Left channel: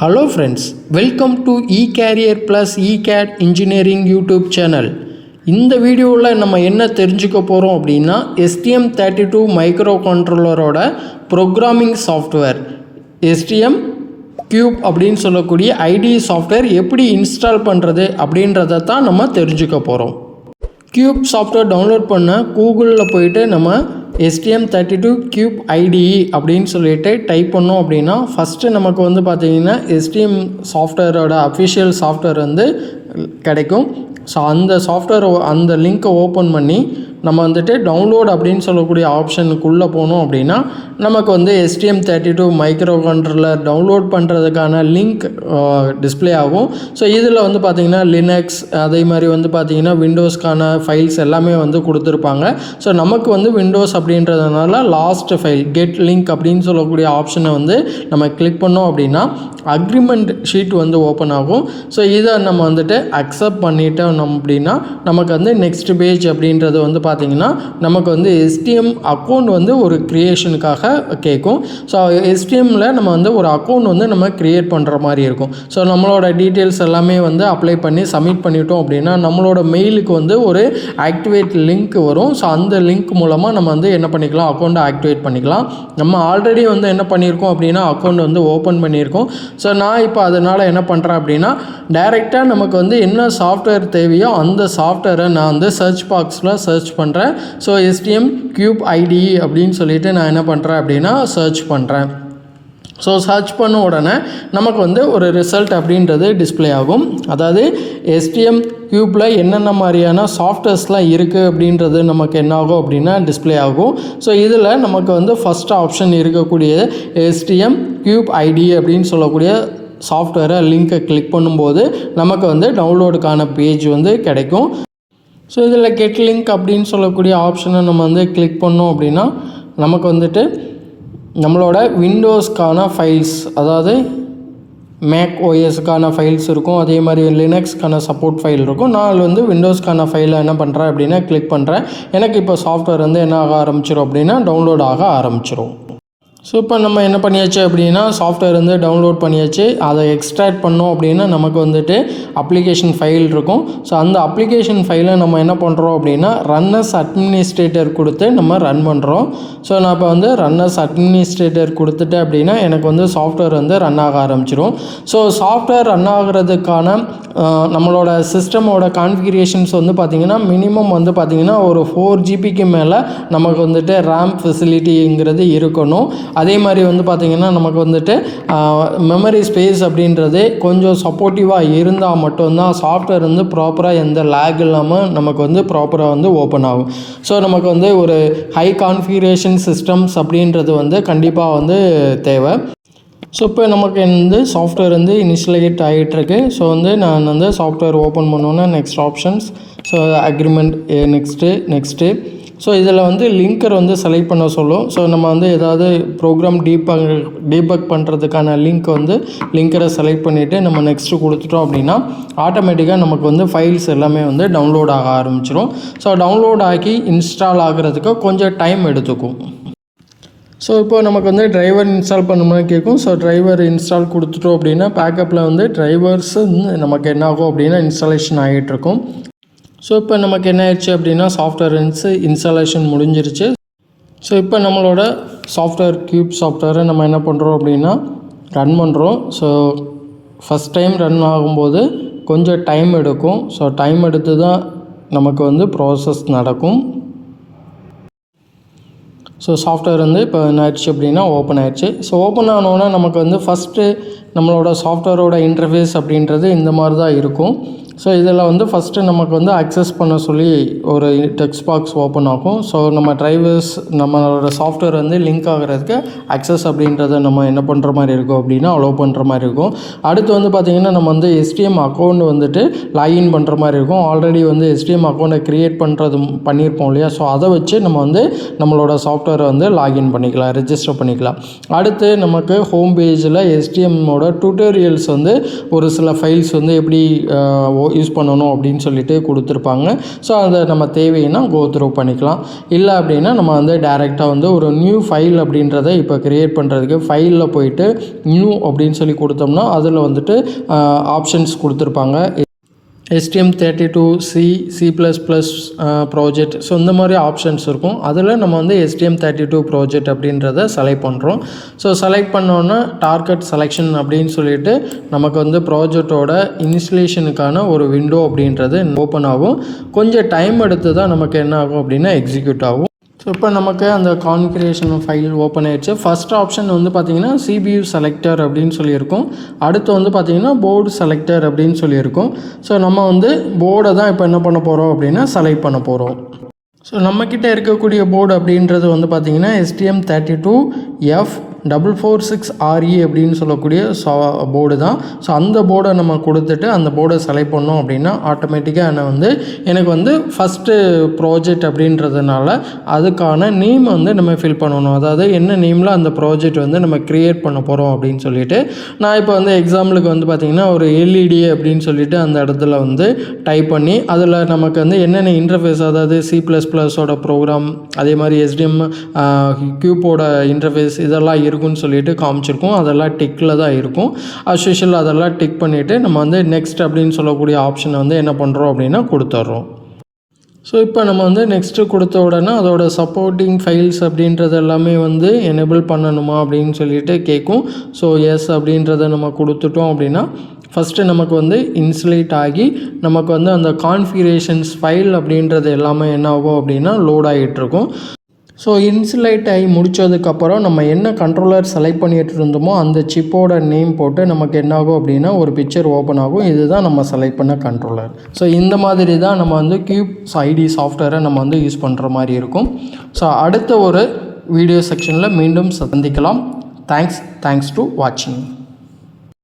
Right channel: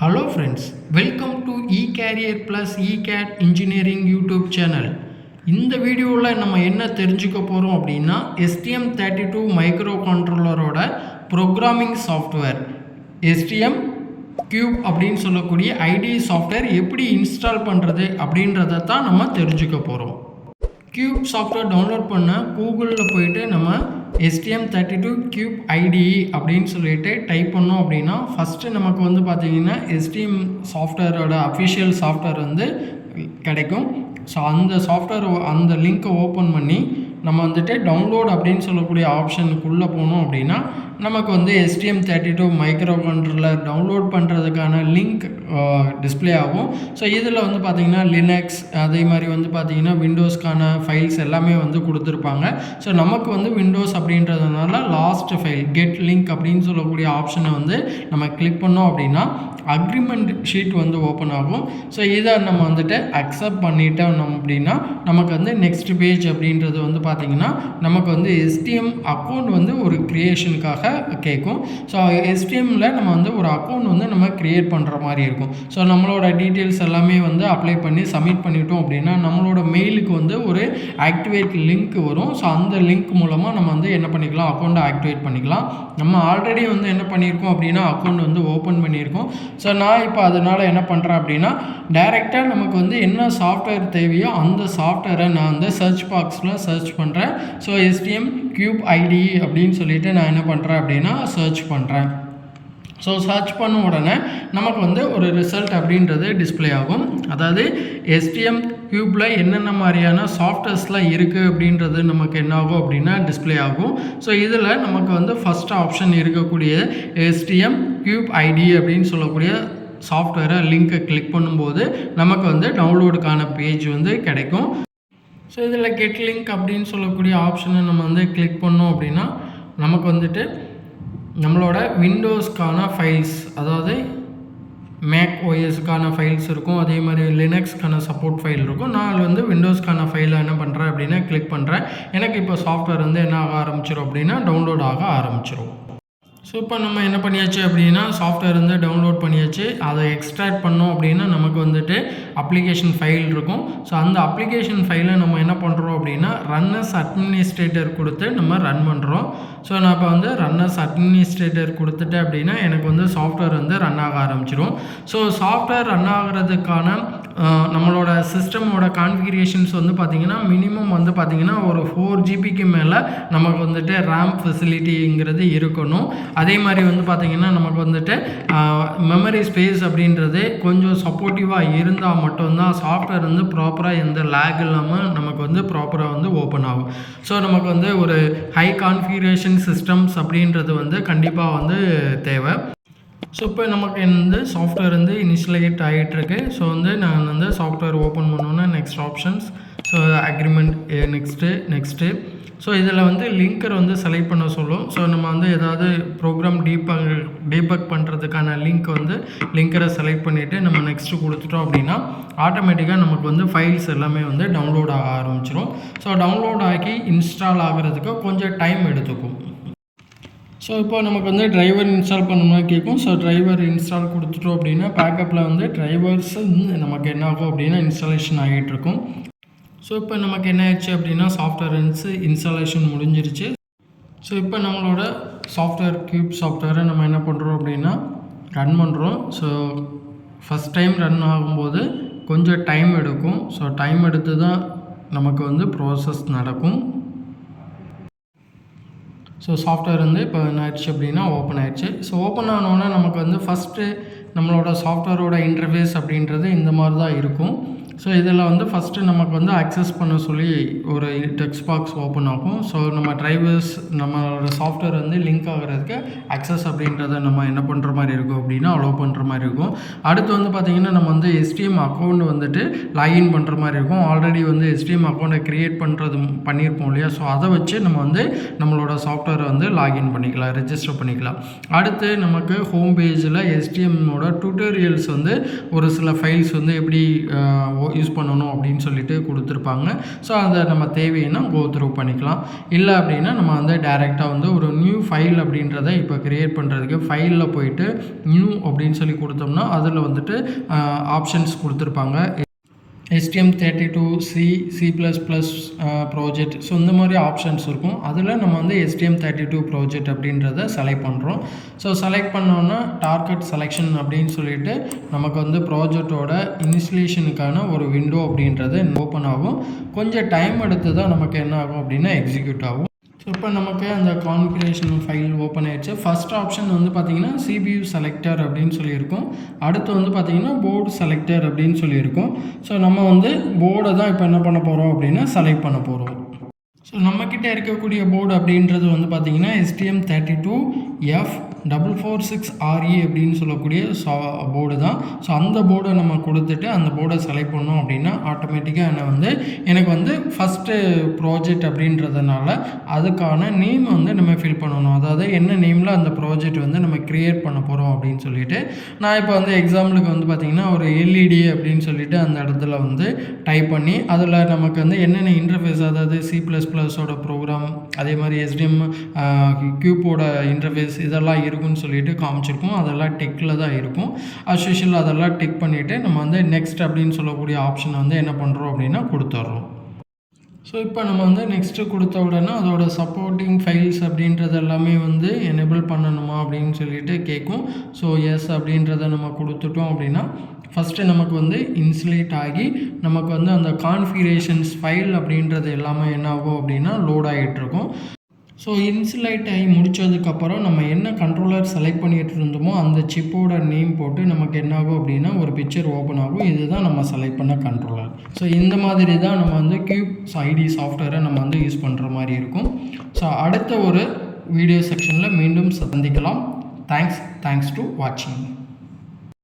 Hello friends, welcome to eCareer Plus eCAD Engineering YouTube channel. இந்த வீடியோவில் நம்ம என்ன தெரிஞ்சுக்க போகிறோம் அப்படின்னா STM32 மைக்ரோ கண்ட்ரோலரோட ப்ரோக்ராமிங் சாஃப்ட்வேர் STM கியூப் அப்படின்னு சொல்லக்கூடிய IDE சாஃப்ட்வேர் எப்படி இன்ஸ்டால் பண்ணுறது அப்படின்றத தான் நம்ம தெரிஞ்சுக்க போகிறோம். கியூப் சாஃப்ட்வேர் டவுன்லோட் பண்ண கூகுளில் போயிட்டு நம்ம STM32 கியூப் IDE அப்படின்னு சொல்லிட்டு டைப் பண்ணோம் அப்படின்னா ஃபஸ்ட்டு நமக்கு வந்து பார்த்திங்கன்னா STM சாஃப்ட்வேரோட அஃபிஷியல் சாஃப்ட்வேர் வந்து கிடைக்கும். ஸோ அந்த சாஃப்ட்வேர் அந்த லிங்க்கை ஓப்பன் பண்ணி நம்ம வந்துட்டு டவுன்லோட் அப்படின்னு சொல்லக்கூடிய ஆப்ஷனுக்குள்ளே போனோம் அப்படின்னா நமக்கு வந்து STM32 மைக்ரோ கண்ட்ரோலர் டவுன்லோட் பண்ணுறதுக்கான லிங்க் டிஸ்பிளே ஆகும். ஸோ இதில் வந்து பார்த்திங்கன்னா லினக்ஸ் அதே மாதிரி வந்து பார்த்திங்கன்னா விண்டோஸ்க்கான ஃபைல்ஸ் எல்லாமே வந்து கொடுத்துருப்பாங்க. ஸோ நமக்கு வந்து விண்டோஸ் அப்படின்றதுனால லாஸ்ட் ஃபைல் கெட் லிங்க் அப்படின்னு சொல்லக்கூடிய ஆப்ஷனை வந்து நம்ம கிளிக் பண்ணோம் அப்படின்னா அக்ரிமெண்ட் ஷீட் வந்து ஓப்பன் ஆகும். ஸோ இதை நம்ம வந்துட்டு அக்செப்ட் பண்ணிட்டோம் அப்படின்னா நமக்கு வந்து நெக்ஸ்ட் பேஜ் அப்படின்றது வந்து பார்த்திங்கன்னா நமக்கு வந்து STM அக்கௌண்ட் வந்து ஒரு க்ரியேஷனுக்காக கேட்கும். ஸோ STMல நம்ம வந்து ஒரு அக்கௌண்ட் வந்து நம்ம க்ரியேட் பண்ணுற மாதிரி இருக்கும். ஸோ நம்மளோட டீட்டெயில்ஸ் எல்லாமே வந்து அப்ளை பண்ணி சப்மிட் பண்ணிட்டோம் அப்படின்னா நம்மளோட மெயிலுக்கு வந்து ஒரு ஆக்டிவேட் லிங்க் வரும். ஸோ அந்த லிங்க் மூலமாக நம்ம வந்து என்ன பண்ணிக்கலாம், அக்கௌண்ட்டை ஆக்டிவேட் பண்ணிக்கலாம். நம்ம ஆல்ரெடி வந்து என்ன பண்ணியிருக்கோம் அப்படின்னா அக்கௌண்ட் வந்து ஓப்பன் பண்ணியிருக்கோம். ஸோ நான் இப்போ அதனால் என்ன பண்ணுறேன் அப்படின்னா டைரெக்டாக நமக்கு வந்து என்ன சாஃப்ட்வேர் தேவையோ அந்த சாஃப்ட்வேரை நான் வந்து சர்ச் பாக்ஸில் சர்ச் பண்ணுறேன். ஸோ STM கியூப் IDE அப்படின்னு சொல்லிட்டு நான் என்ன பண்ணுறேன் அப்படின்னா சர்ச் பண்ணுறேன். ஸோ சர்ச் பண்ண உடனே நமக்கு வந்து ஒரு ரிசல்ட் அப்படின்றது டிஸ்பிளே ஆகும். அதாவது STM கியூப்பில் என்னென்ன மாதிரியான சாஃப்ட்வேர்ஸ்லாம் இருக்குது அப்படின்றது நமக்கு என்ன ஆகும் அப்படின்னா டிஸ்பிளே ஆகும். ஸோ இதில் நமக்கு வந்து ஃபஸ்ட் ஆப்ஷன் இருக்கக்கூடிய STM கியூப் IDE அப்படின்னு சொல்லக்கூடிய சாஃப்ட்வேரை லிங்க்கை கிளிக் பண்ணும்போது நமக்கு வந்து டவுன்லோடுக்கான பேஜ் வந்து கிடைக்கும். ஸோ இதில் கெட் லிங்க் அப்படின்னு சொல்லக்கூடிய ஆப்ஷனை நம்ம வந்து கிளிக் பண்ணோம் அப்படின்னா நமக்கு வந்துட்டு நம்மளோட விண்டோஸ்க்கான ஃபைல்ஸ், அதாவது மேக் OSக்கான ஃபைல்ஸ் இருக்கும், அதே மாதிரி லினக்ஸ்க்கான சப்போர்ட் ஃபைல் இருக்கும். நான் வந்து விண்டோஸ்க்கான ஃபைலை என்ன பண்ணுறேன் அப்படின்னா கிளிக் பண்ணுறேன். எனக்கு இப்போ சாஃப்ட்வேர் வந்து என்ன ஆக ஆரம்பிச்சிடும் அப்படின்னா டவுன்லோட் ஆக ஆரம்பிச்சிடும். ஸோ இப்போ நம்ம என்ன பண்ணியாச்சு அப்படின்னா சாஃப்ட்வேர் வந்து டவுன்லோட் பண்ணியாச்சு. அதை எக்ஸ்ட்ராக்ட் பண்ணோம் அப்படின்னா நமக்கு வந்துட்டு அப்ளிகேஷன் ஃபைல் இருக்கும். ஸோ அந்த அப்ளிகேஷன் ஃபைலை நம்ம என்ன பண்ணுறோம் அப்படின்னா ரன்னஸ் அட்மினிஸ்ட்ரேட்டர் கொடுத்து நம்ம ரன் பண்ணுறோம். ஸோ நான் இப்போ வந்து ரன்னஸ் அட்மினிஸ்ட்ரேட்டர் கொடுத்துட்டேன் அப்படின்னா எனக்கு வந்து சாஃப்ட்வேர் வந்து ரன் ஆக ஆரம்பிச்சிடும். ஸோ சாஃப்ட்வேர் ரன் ஆகிறதுக்கான நம்மளோட சிஸ்டமோட கான்ஃபிகரேஷன்ஸ் வந்து பார்த்திங்கன்னா மினிமம் வந்து பார்த்திங்கன்னா ஒரு 4 GBக்கு மேலே நமக்கு வந்துட்டு ரேம் ஃபெசிலிட்டிங்கிறது இருக்கணும். அதே மாதிரி வந்து பார்த்திங்கன்னா நமக்கு வந்துட்டு மெமரி ஸ்பேஸ் அப்படின்றது கொஞ்சம் சப்போர்ட்டிவாக இருந்தால் மட்டும்தான் சாஃப்ட்வேர் வந்து ப்ராப்பராக எந்த லேக் இல்லாமல் நமக்கு வந்து ப்ராப்பராக வந்து ஓப்பன் ஆகும். ஸோ நமக்கு வந்து ஒரு ஹை கான்ஃபிகரேஷன் சிஸ்டம்ஸ் அப்படின்றது வந்து கண்டிப்பாக வந்து தேவை. ஸோ இப்போ நமக்கு வந்து சாஃப்ட்வேர் வந்து இனிஷியலேட் ஆகிட்டுருக்கு. ஸோ வந்து நான் வந்து சாஃப்ட்வேர் ஓப்பன் பண்ணோன்னே next options, so agreement next so இதில் வந்து லிங்கர் வந்து செலக்ட் பண்ண சொல்லும். ஸோ நம்ம வந்து ஏதாவது ப்ரோக்ராம் டீபக் பண்ணுறதுக்கான லிங்கரை செலக்ட் பண்ணிவிட்டு நம்ம நெக்ஸ்ட்டு கொடுத்துட்டோம் அப்படின்னா ஆட்டோமேட்டிக்காக நமக்கு வந்து ஃபைல்ஸ் எல்லாமே வந்து டவுன்லோட் ஆக ஆரம்பிச்சிடும். ஸோ டவுன்லோட் ஆகி இன்ஸ்டால் ஆகிறதுக்கு கொஞ்சம் டைம் எடுத்துக்கும். ஸோ இப்போ நமக்கு வந்து டிரைவர் இன்ஸ்டால் பண்ண மாதிரி கேட்கும். ஸோ டிரைவர் இன்ஸ்டால் கொடுத்துட்டோம் அப்படின்னா பேக்கப்பில் வந்து டிரைவர்ஸ் நமக்கு என்ன ஆகும் அப்படின்னா இன்ஸ்டாலேஷன் ஆகிட்டுருக்கும். ஸோ இப்போ நமக்கு என்ன ஆயிடுச்சு அப்படின்னா சாஃப்ட்வேர் இன்ஸ்டாலேஷன் முடிஞ்சிருச்சு. ஸோ இப்போ நம்மளோட சாஃப்ட்வேர் கியூப் சாஃப்ட்வேரை நம்ம என்ன பண்ணுறோம் அப்படின்னா ரன் பண்ணுறோம். ஸோ ஃபஸ்ட் டைம் ரன் ஆகும்போது கொஞ்சம் டைம் எடுக்கும். ஸோ டைம் எடுத்து தான் நமக்கு வந்து ப்ராசஸ் நடக்கும். ஸோ சாஃப்ட்வேர் வந்து இப்போ என்ன ஆயிடுச்சு அப்படின்னா ஓப்பன் ஆயிடுச்சு. ஸோ ஓப்பன் ஆனோன்னா நமக்கு வந்து ஃபஸ்ட்டு நம்மளோட சாஃப்ட்வேரோட இன்டர்ஃபேஸ் அப்படின்றது இந்த மாதிரி தான் இருக்கும். ஸோ இதில் வந்து ஃபஸ்ட்டு நமக்கு வந்து அக்சஸ் பண்ண சொல்லி ஒரு டெக்ஸ்ட் பாக்ஸ் ஓப்பன் ஆகும். ஸோ நம்ம டிரைவர்ஸ் நம்மளோட சாஃப்ட்வேர் வந்து லிங்க் ஆகிறதுக்கு அக்சஸ் அப்படின்றத நம்ம என்ன பண்ணுற மாதிரி இருக்கும் அப்படின்னா அலோவ் பண்ணுற மாதிரி இருக்கும். அடுத்து வந்து பார்த்திங்கன்னா நம்ம வந்து STM அக்கௌண்ட் வந்துட்டு லாகின் பண்ணுற மாதிரி இருக்கும். ஆல்ரெடி வந்து STM அக்கௌண்ட்டை க்ரியேட் பண்ணியிருப்போம் இல்லையா. ஸோ அதை வச்சு நம்ம வந்து நம்மளோட சாஃப்ட்வேரை வந்து லாகின் பண்ணிக்கலாம், ரெஜிஸ்டர் பண்ணிக்கலாம். அடுத்து நமக்கு ஹோம் பேஜில் STMோட டியூட்டோரியல்ஸ் வந்து ஒரு சில ஃபைல்ஸ் வந்து எப்படி யூஸ் பண்ணணும் அப்படின்னு சொல்லிட்டு கொடுத்துருப்பாங்க. ஸோ அதை நம்ம தேவைன்னா கோ த்ரூ பண்ணிக்கலாம். இல்லை அப்படின்னா நம்ம வந்து டைரெக்டாக வந்து ஒரு நியூ ஃபைல் அப்படின்றத இப்போ க்ரியேட் பண்ணுறதுக்கு ஃபைலில் போயிட்டு நியூ அப்படின்னு சொல்லி கொடுத்தோம்னா அதில் வந்துட்டு ஆப்ஷன்ஸ் கொடுத்துருப்பாங்க. STM32C C++ project. ஸோ இந்த மாதிரி ஆப்ஷன்ஸ் இருக்கும். அதில் நம்ம வந்து STM32 ப்ராஜெக்ட் அப்படின்றத செலக்ட் பண்ணுறோம். ஸோ செலக்ட் பண்ணோன்னா டார்கெட் செலெக்ஷன் அப்படின்னு சொல்லிட்டு நமக்கு வந்து ப்ராஜெக்டோட இன்ஸ்டலேஷனுக்கான ஒரு விண்டோ அப்படின்றது ஓப்பன் ஆகும். கொஞ்சம் டைம் எடுத்து தான் நமக்கு என்ன ஆகும் அப்படின்னா எக்ஸிக்யூட் ஆகும். ஸோ இப்போ நமக்கு அந்த கான்ஃபிகரேஷன் ஃபைல் ஓப்பன் ஆகிடுச்சு. ஃபஸ்ட் ஆப்ஷன் வந்து பார்த்திங்கன்னா CPU செலக்டர் அப்படின்னு சொல்லியிருக்கோம். அடுத்து வந்து பார்த்திங்கன்னா போர்டு செலக்டர் அப்படின்னு சொல்லியிருக்கோம். ஸோ நம்ம வந்து போர்டை தான் இப்போ என்ன பண்ண போகிறோம் அப்படின்னா செலக்ட் பண்ண போகிறோம். ஸோ நம்மக்கிட்ட இருக்கக்கூடிய போர்டு அப்படின்றது வந்து பார்த்திங்கன்னா STM32F446RE அப்படின்னு சொல்லக்கூடிய போர்டு தான். ஸோ அந்த போர்டை நம்ம கொடுத்துட்டு அந்த போர்டை செலக்ட் பண்ணோம் அப்படின்னா ஆட்டோமேட்டிக்காக எனக்கு வந்து ஃபஸ்ட்டு ப்ராஜெக்ட் அப்படின்றதுனால அதுக்கான நேம் வந்து நம்ம ஃபில் பண்ணணும். அதாவது என்ன நேமில் அந்த ப்ராஜெக்ட் வந்து நம்ம க்ரியேட் பண்ண போகிறோம் அப்படின்னு சொல்லிட்டு நான் இப்போ வந்து எக்ஸாம்பிளுக்கு வந்து பார்த்திங்கன்னா ஒரு LED அப்படின்னு சொல்லிட்டு அந்த இடத்துல வந்து டைப் பண்ணி அதில் நமக்கு வந்து என்னென்ன இன்டர்ஃபேஸ், அதாவது C++ஓட ப்ரோக்ராம், அதே மாதிரி SDM கியூப்போட இன்டர்ஃபேஸ் இதெல்லாம் இருக்குன்னு சொல்லிட்டு காமிச்சிருக்கோம். அதெல்லாம் டிக்கில் தான் இருக்கும். அஸ்யூஷுவல் அதெல்லாம் டிக் பண்ணிவிட்டு நம்ம வந்து நெக்ஸ்ட் அப்படின்னு சொல்லக்கூடிய ஆப்ஷனை வந்து என்ன பண்ணுறோம் அப்படின்னா கொடுத்துட்றோம். ஸோ இப்போ நம்ம வந்து நெக்ஸ்ட்டு கொடுத்த உடனே அதோட சப்போர்ட்டிங் ஃபைல்ஸ் அப்படின்றது எல்லாமே வந்து எனேபிள் பண்ணணுமா அப்படின்னு சொல்லிட்டு கேட்கும். ஸோ எஸ் அப்படின்றத நம்ம கொடுத்துட்டோம் அப்படின்னா ஃபஸ்ட்டு நமக்கு வந்து இன்ஸ்டலேட் ஆகி நமக்கு வந்து அந்த கான்ஃபிகரேஷன்ஸ் ஃபைல் அப்படின்றது எல்லாமே என்ன ஆகும் அப்படின்னா லோட் ஆகிட்டுருக்கும். ஸோ இன்சுலேட் ஆகி முடித்ததுக்கப்புறம் நம்ம என்ன கண்ட்ரோலர் செலக்ட் பண்ணிகிட்டு இருந்தோமோ அந்த சிப்போட நேம் போட்டு நமக்கு என்ன ஆகும் அப்படின்னா ஒரு பிக்சர் ஓப்பன் ஆகும். இதுதான் நம்ம செலக்ட் பண்ண கண்ட்ரோலர். ஸோ இந்த மாதிரி தான் நம்ம வந்து கியூப் ஐடி சாஃப்ட்வேரை நம்ம வந்து யூஸ் பண்ணுற மாதிரி இருக்கும். ஸோ அடுத்த ஒரு வீடியோ செக்ஷனில் மீண்டும் சந்திக்கலாம். தேங்க்ஸ் டு வாட்சிங்.